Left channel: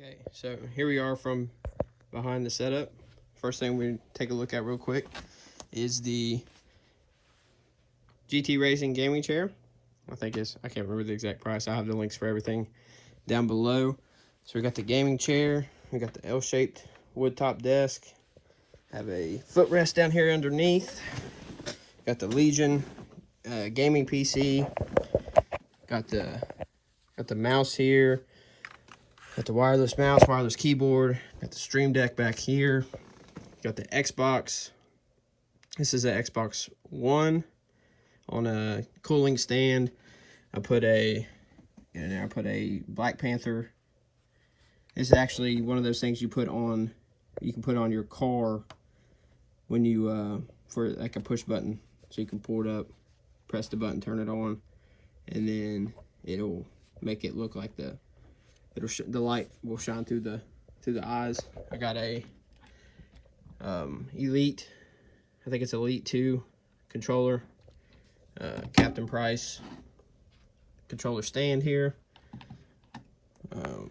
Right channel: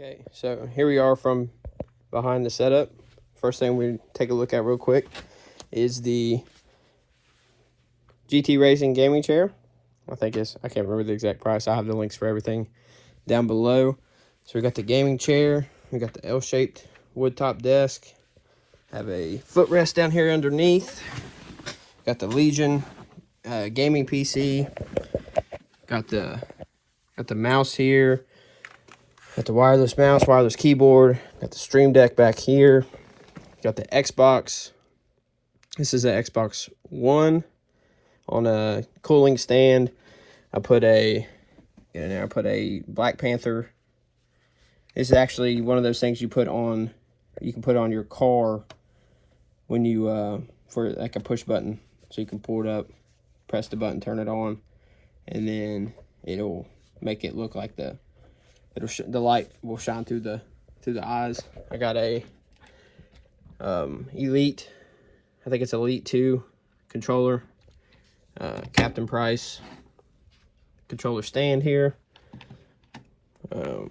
Okay, so here we are from behind the setup. First thing we take a look at real quick is the GT Racing gaming chair. I can't remember the exact price. I have the links for everything down below. So we got the gaming chair, we got the L-shaped wood top desk, have a footrest down here underneath, got the Legion gaming PC, got the mouse here, got the wireless mouse, wireless keyboard, got the Stream Deck back here, got the Xbox. This is an Xbox One on a cooling stand. I put a Black Panther. This is actually one of those things you can put on your car when you for like a push button, so you can pull it up, press the button, turn it on, and then it'll make it look like the light will shine through the eyes. I got a Elite, I think it's Elite 2 controller, Captain Price controller stand here. I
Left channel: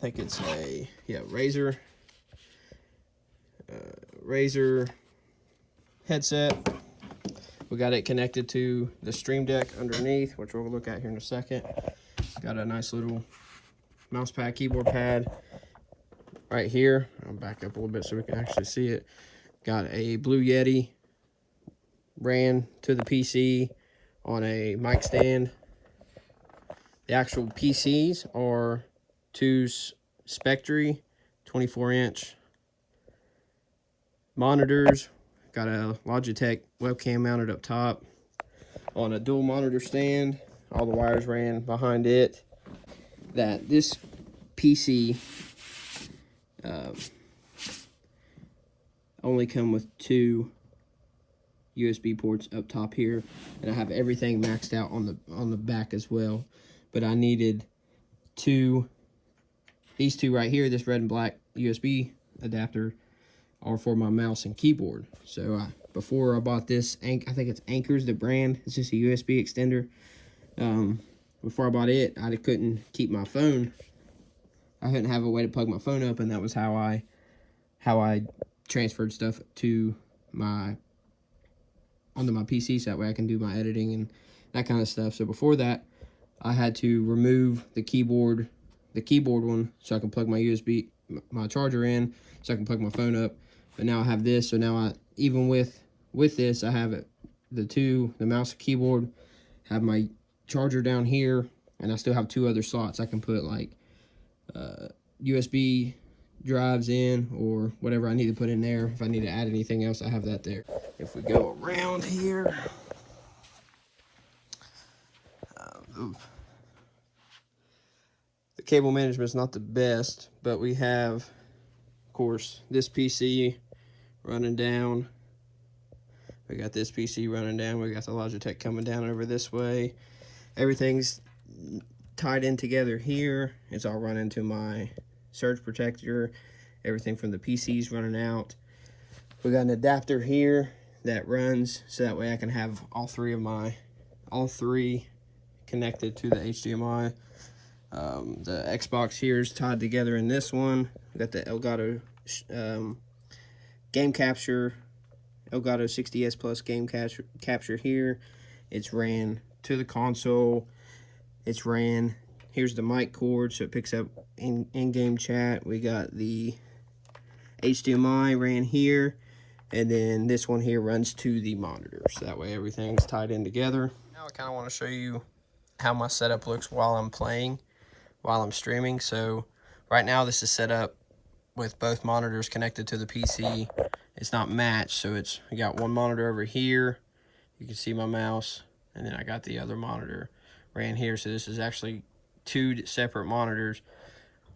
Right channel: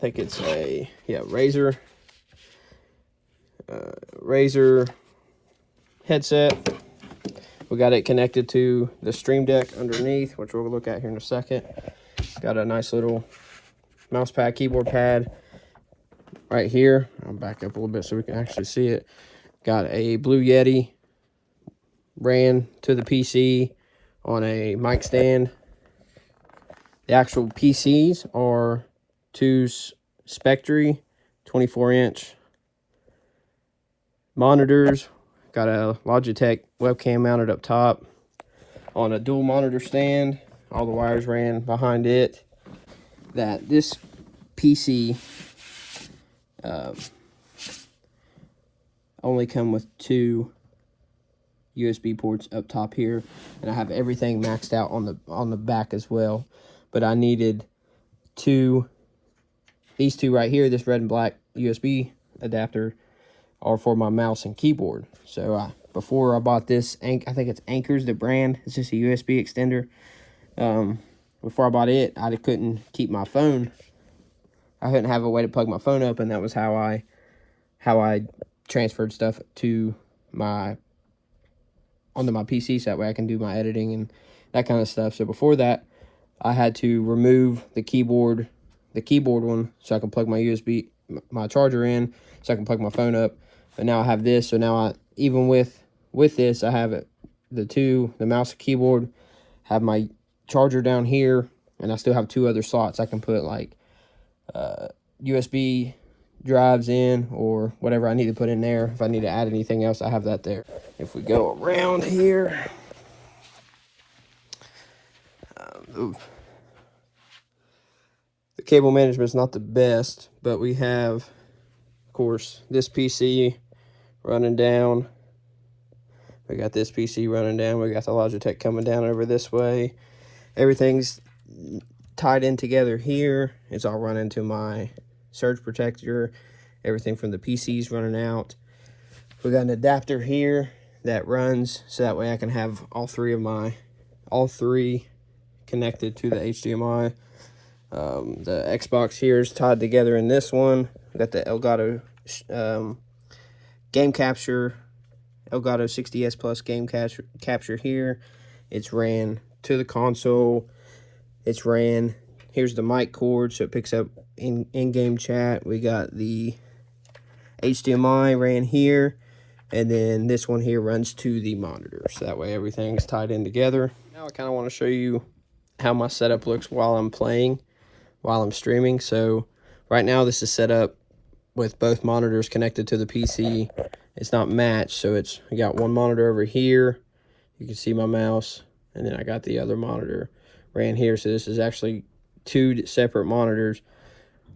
think it's a Razer headset. We got it connected to the Stream Deck underneath, which we'll look at here in a second. Got a nice little mouse pad, keyboard pad right here. I'll back up a little bit so we can actually see it. Got a Blue Yeti ran to the PC on a mic stand. The actual PCs are two Spectre 24-inch monitors. Got a Logitech webcam mounted up top on a dual monitor stand. All the wires ran behind it. This PC only come with 2 USB ports up top here, and I have everything maxed out on the back as well. But I needed these two right here. This red and black USB adapter are for my mouse and keyboard. So before I bought this, I think it's Anker's the brand. It's just a USB extender. Before I bought it, I couldn't keep my phone. I couldn't have a way to plug my phone up, and that was how I transferred stuff onto my PC, so that way I can do my editing and that kind of stuff. So before that, I had to remove the keyboard one, so I can plug my charger in, so I can plug my phone up. But now I have this, so now even with this, I have the mouse and keyboard, have my charger down here, and I still have 2 other slots I can put like USB drives in, or whatever I need to put in there. If I need to add anything else, I have that there. If we go around here, the cable management is not the best, but we have, of course, this PC running down. We got this PC running down. We got the Logitech coming down over this way. Everything's tied in together here. It's all running to my surge protector. Everything from the PC's running out. We got an adapter here that runs, so that way I can have all three connected to the HDMI. The Xbox here is tied together in this one. We got the Elgato game capture, Elgato 60S Plus game capture here. It's ran to the console. It's ran. Here's the mic cord, so it picks up in-game chat. We got the HDMI ran here, and then this one here runs to the monitor, so that way everything's tied in together. Now I kind of want to show you how my setup looks while I'm playing, while I'm streaming. So right now this is set up with both monitors connected to the PC. It's not matched, so I got one monitor over here. You can see my mouse, and then I got the other monitor ran here. So this is actually 2 separate monitors.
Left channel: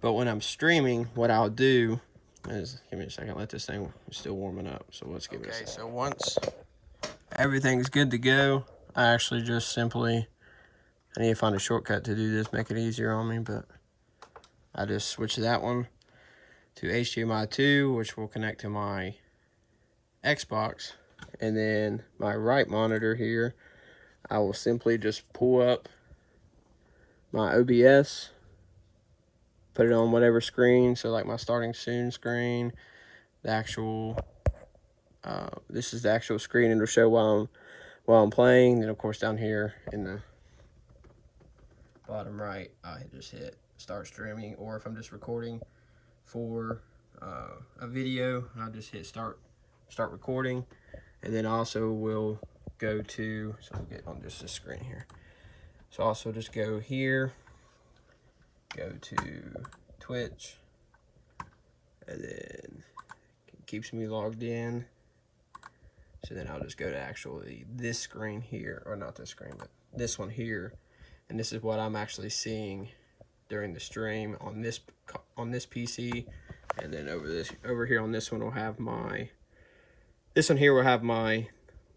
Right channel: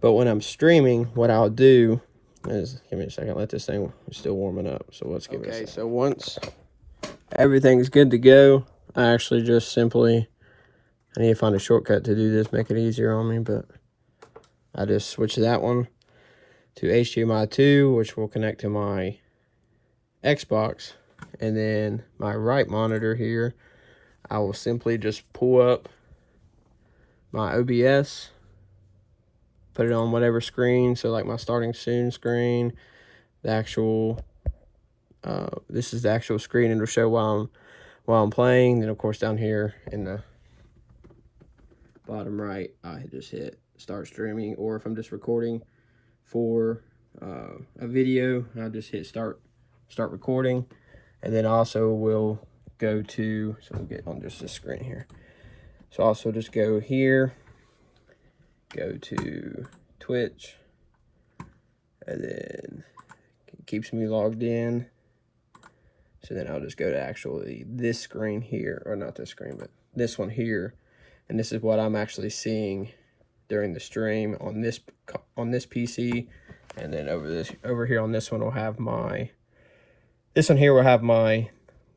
But when I'm streaming, what I'll do is, give me a second, let this thing, it's still warming up, so let's give it a second. Okay, so once everything's good to go, I actually just simply, I need to find a shortcut to do this, make it easier on me, but I just switch that one to HDMI 2, which will connect to my Xbox, and then my right monitor here, I will simply just pull up my OBS put it on whatever screen. So like my starting soon screen, the actual, this is the actual screen. It'll show while I'm playing. Then of course down here in the bottom right, I just hit start streaming, or if I'm just recording for a video, I'll just hit start recording, and then also we'll go to, so we'll get on just this screen here. So also just go here, go to Twitch, and then it keeps me logged in. So then I'll just go to actually this screen here, or not this screen, but this one here, and this is what I'm actually seeing during the stream on this PC. And then over here on this one will have my, this one here will have my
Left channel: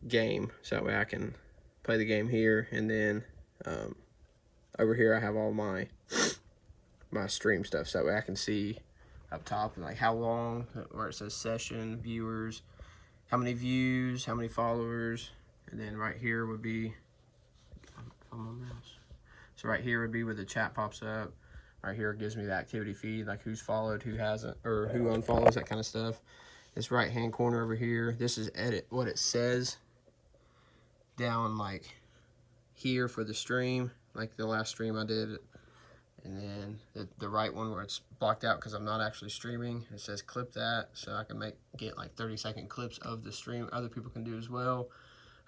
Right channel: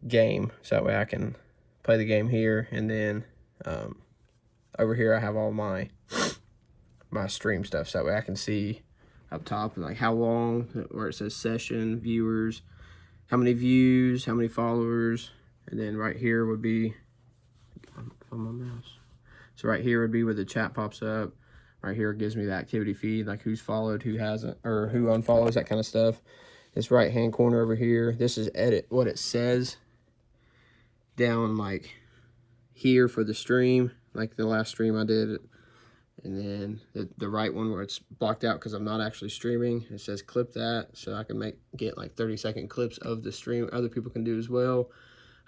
game, so that way I can play the game here. And then over here I have all my stream stuff, so that way I can see up top like how long, where it says session, viewers, how many views, how many followers. And then right here would be on my mouse. So right here would be where the chat pops up. Right here it gives me the activity feed, like who's followed, who hasn't, or who unfollows, that kind of stuff. This right hand corner over here, this is edit what it says down like here for the stream, like the last stream I did. And then the right one where it's blocked out because I'm not actually streaming, it says clip that, so I can get like 30-second clips of the stream. Other people can do as well.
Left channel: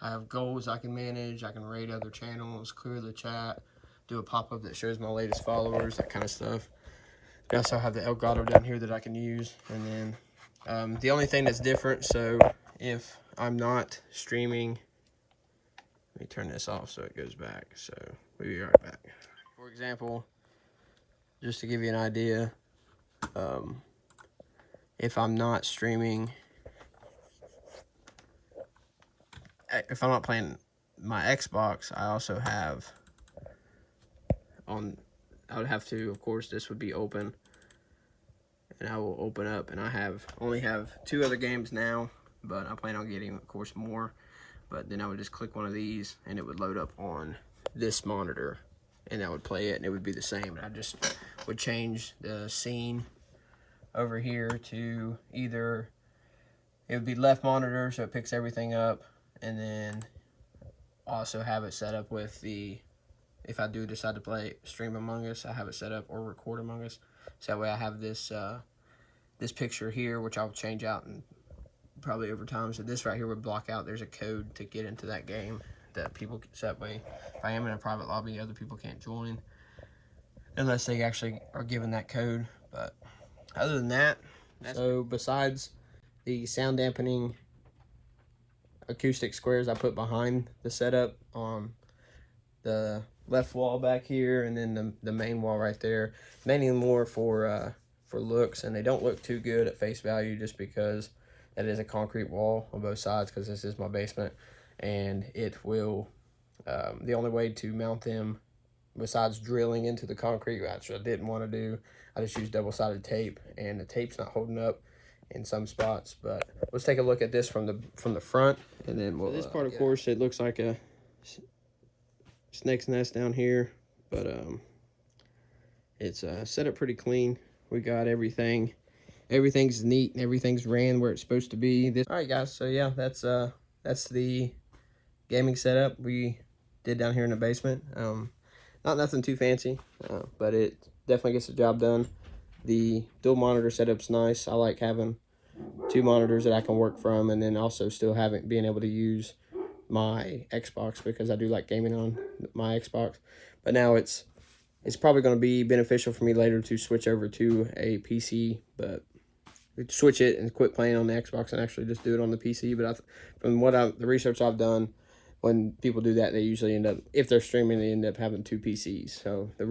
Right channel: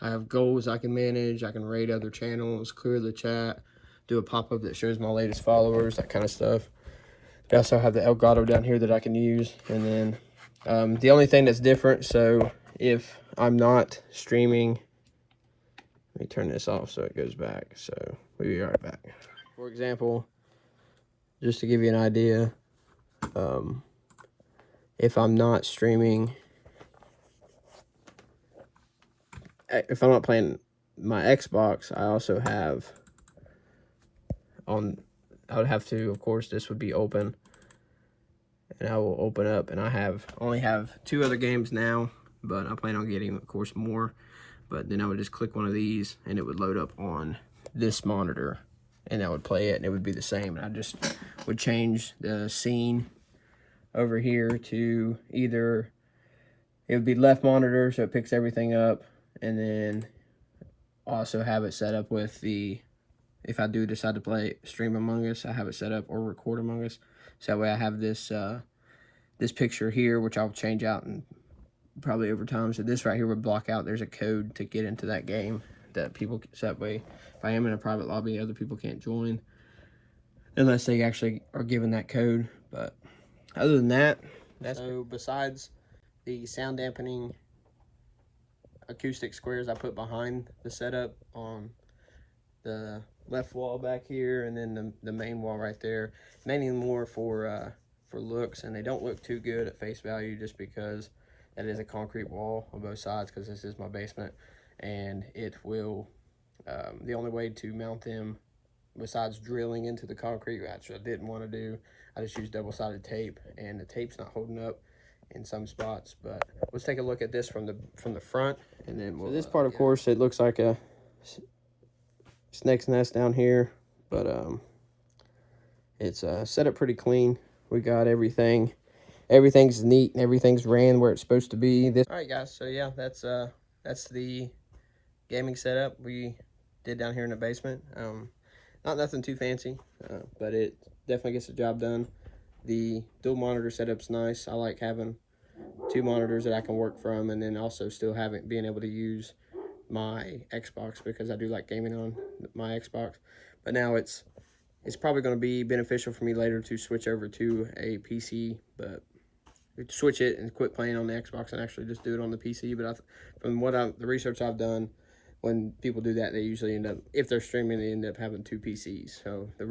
I have goals I can manage. I can rate other channels, clear the chat, do a pop-up that shows my latest followers, that kind of stuff. I also have the Elgato down here that I can use. And then the only thing that's different, so if I'm not streaming, let me turn this off so it goes back. So we'll be right back. For example, just to give you an idea, if I'm not streaming, if I'm not playing my Xbox, I also have I would have to, of course, this would be open, and I will open up, and I only have 2 other games now, but I plan on getting, of course, more. But then I would just click one of these, and it would load up on this monitor, and I would play it, and it would be the same. I just would change the scene over here to either, it would be left monitor, so it picks everything up, and then also have it set up with the, if I do decide to play Stream Among Us, I have it set up, or Record Among Us. So that way I have this this picture here, which I'll change out and probably over time. So this right here would block out. There's a code to get into that game that people, so that way if I am in a private lobby, other people can't join unless they actually are given that code. But other than that, so besides the sound dampening acoustic squares I put behind the setup on the left wall back here, and then the main wall right there, mainly more for looks, and they don't look too good at face value just because that is a concrete wall on both sides, because this is my basement, and it will the only way to mount them besides drilling into the concrete, which I didn't want to do, I just used double-sided tape, and the tape's not holding up in some spots. But let's take a look at this from the front, and then we'll, this part, of course, it looks like a snake's nest down here, but it's set up pretty clean. We got everything's neat and everything's ran where it's supposed to be. All right, guys, so yeah, that's the gaming setup we did down here in the basement. Not nothing too fancy, but it definitely gets the job done. The dual monitor setup's nice. I like having 2 monitors that I can work from, and then also still being able to use my Xbox, because I do like gaming on my Xbox. But now it's probably going to be beneficial for me later to switch over to a PC, but switch it and quit playing on the Xbox and actually just do it on the PC. But from the research I've done, when people do that, they usually end up, if they're streaming, they end up having 2 PCs. So the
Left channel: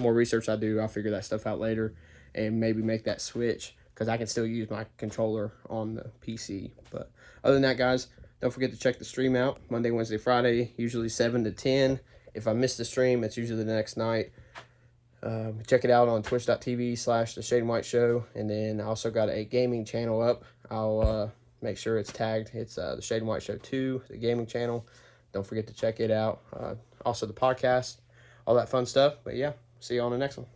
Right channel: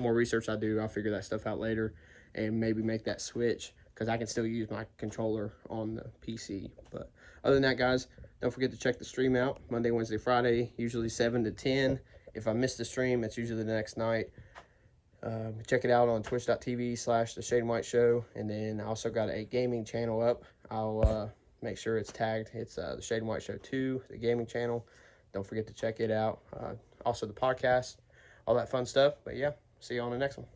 more research I do, I'll figure that stuff out later and maybe make that switch, because I can still use my controller on the PC. But other than that, guys, don't forget to check the stream out Monday, Wednesday, Friday, usually 7 to 10. If I miss the stream, it's usually the next night. Check it out on twitch.tv/The Shade and White Show. And then I also got a gaming channel up. I'll make sure it's tagged. It's The Shade and White Show 2, the gaming channel. Don't forget to check it out. Also the podcast, all that fun stuff. But yeah, see you on the next one.